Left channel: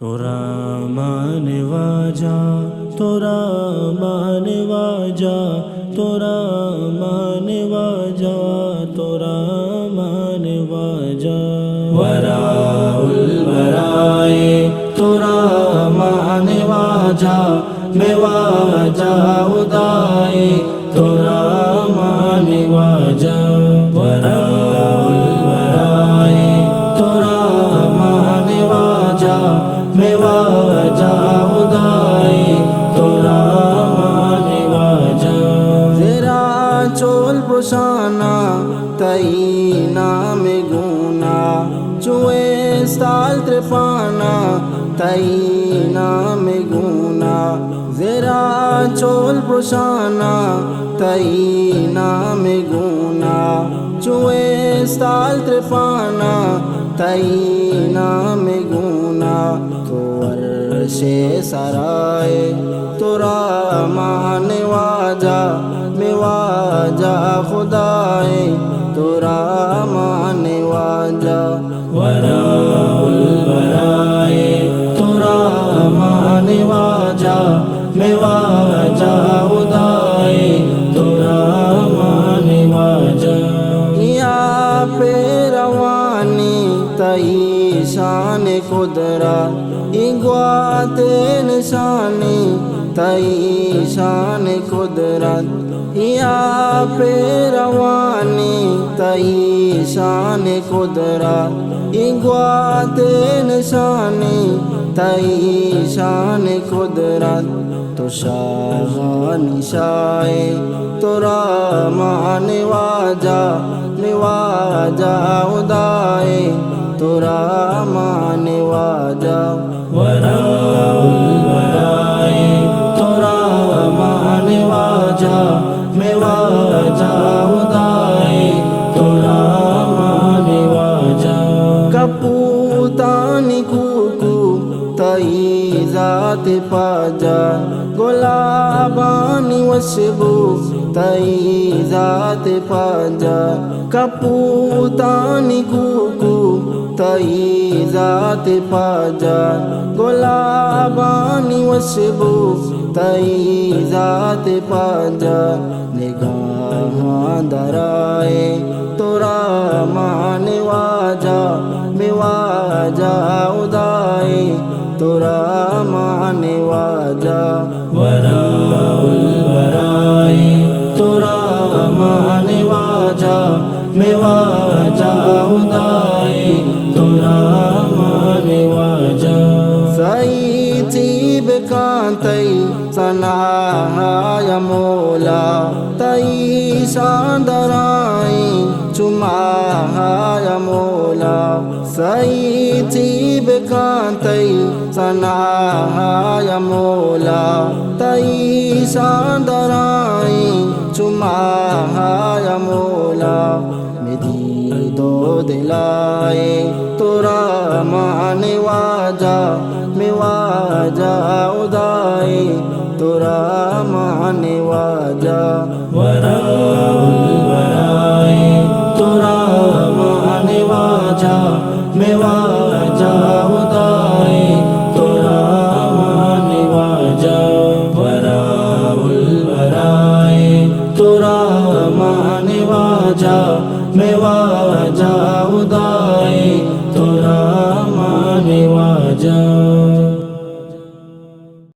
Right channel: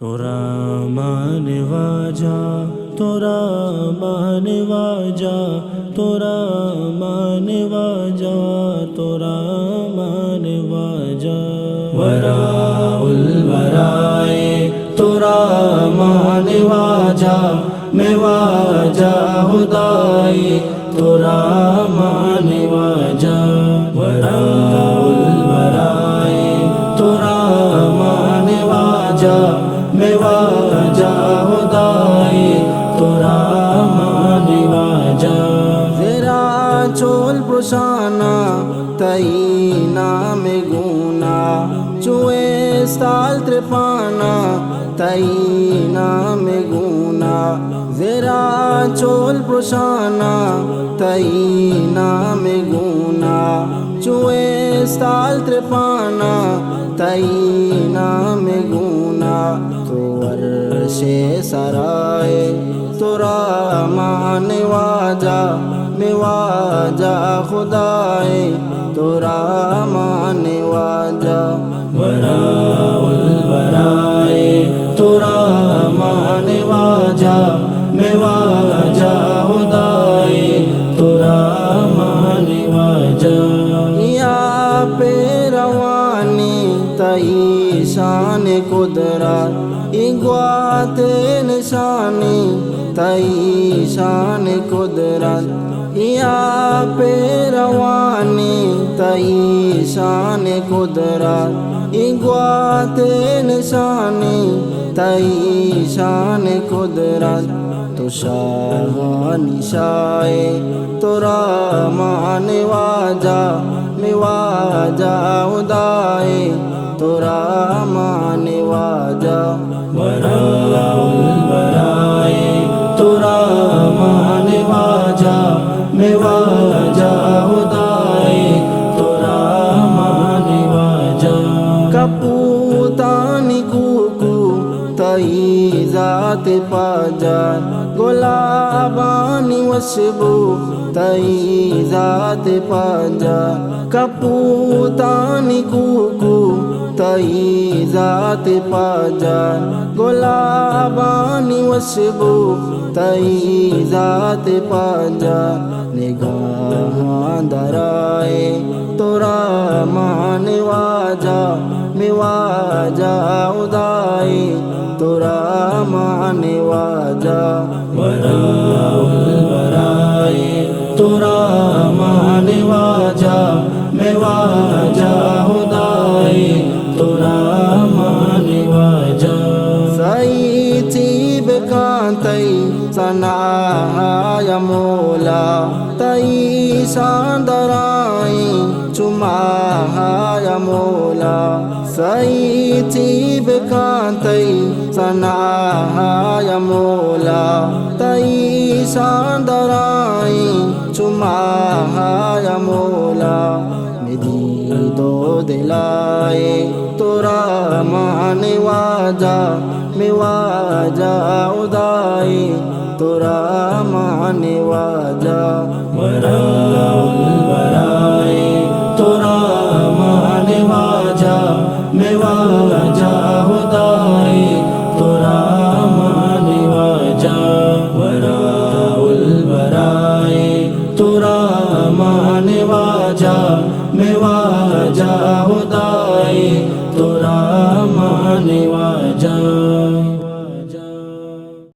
तोरा माने वाजा, तोरा माने वाजा, तोरा माने वाजा, तोरा माने वाजा। वराउल वराए तोरा माने वाजा, मैं वाजा उदाए तोरा माने वाजा। वराउल वराए तोरा माने वाजा, मैं वाजा उदाए तोरा माने वाजा। ज़रा चोल पुशाना तई नाम गुना, चुए साल त्रिपाना तई नाम गुना। ज़रा चोल पुशाना तई नाम गुना, चुए साल त्रिपाना तई नाम गुना। तो अर्शे सराय तोरा माने वाजा, मैं वाजा खुदाए तोरा माने वाजा। वराउल वराए तोरा माने वाजा, मैं वाजा उदाए तोरा माने वाजा। या पे रवानी तई शान कुदरत, इग्वाते निशानी तई शान कुदरत। या पे रवानी तई शान कुदरत, इग्वाते निशानी तई शान कुदरत। तो शाह निशाए तोरा माने वाजा, मैं वाजा उदाए तोरा माने वाजा। वराउल वराए तोरा माने वाजा, मैं वाजा उदाए तोरा माने वाजा। कपूतानी कुकू तई जात पाजा, गुलाबानी वशबू तई जात पाजा। कपूतानी कुकू तई जात पाजा, गुलाबानी वशबू तई जात पाजा। निगाह दराए तोरा माने वाजा, मैं वाजा उदाए तोरा माने वाजा। वराउल वराए तोरा माने वाजा, मैं वाजा उदाए तोरा माने वाजा। सई चीब कांतई सनाया मोला, तई शांदराई चुमाया मोला। सई चीब कांतई सनाया मोला, तई शांदराई चुमाया मोला। मेरी दो दिलाए तोरा माने वाजा, मैं वाजा उदाए तोरा माने वाजा। वराउल वराए तोरा माने वाजा, मैं वाजा उदाए तोरा माने वाजा। वराउल वराए तोरा माने वाजा, मैं वाजा उदाए तोरा माने वाजा।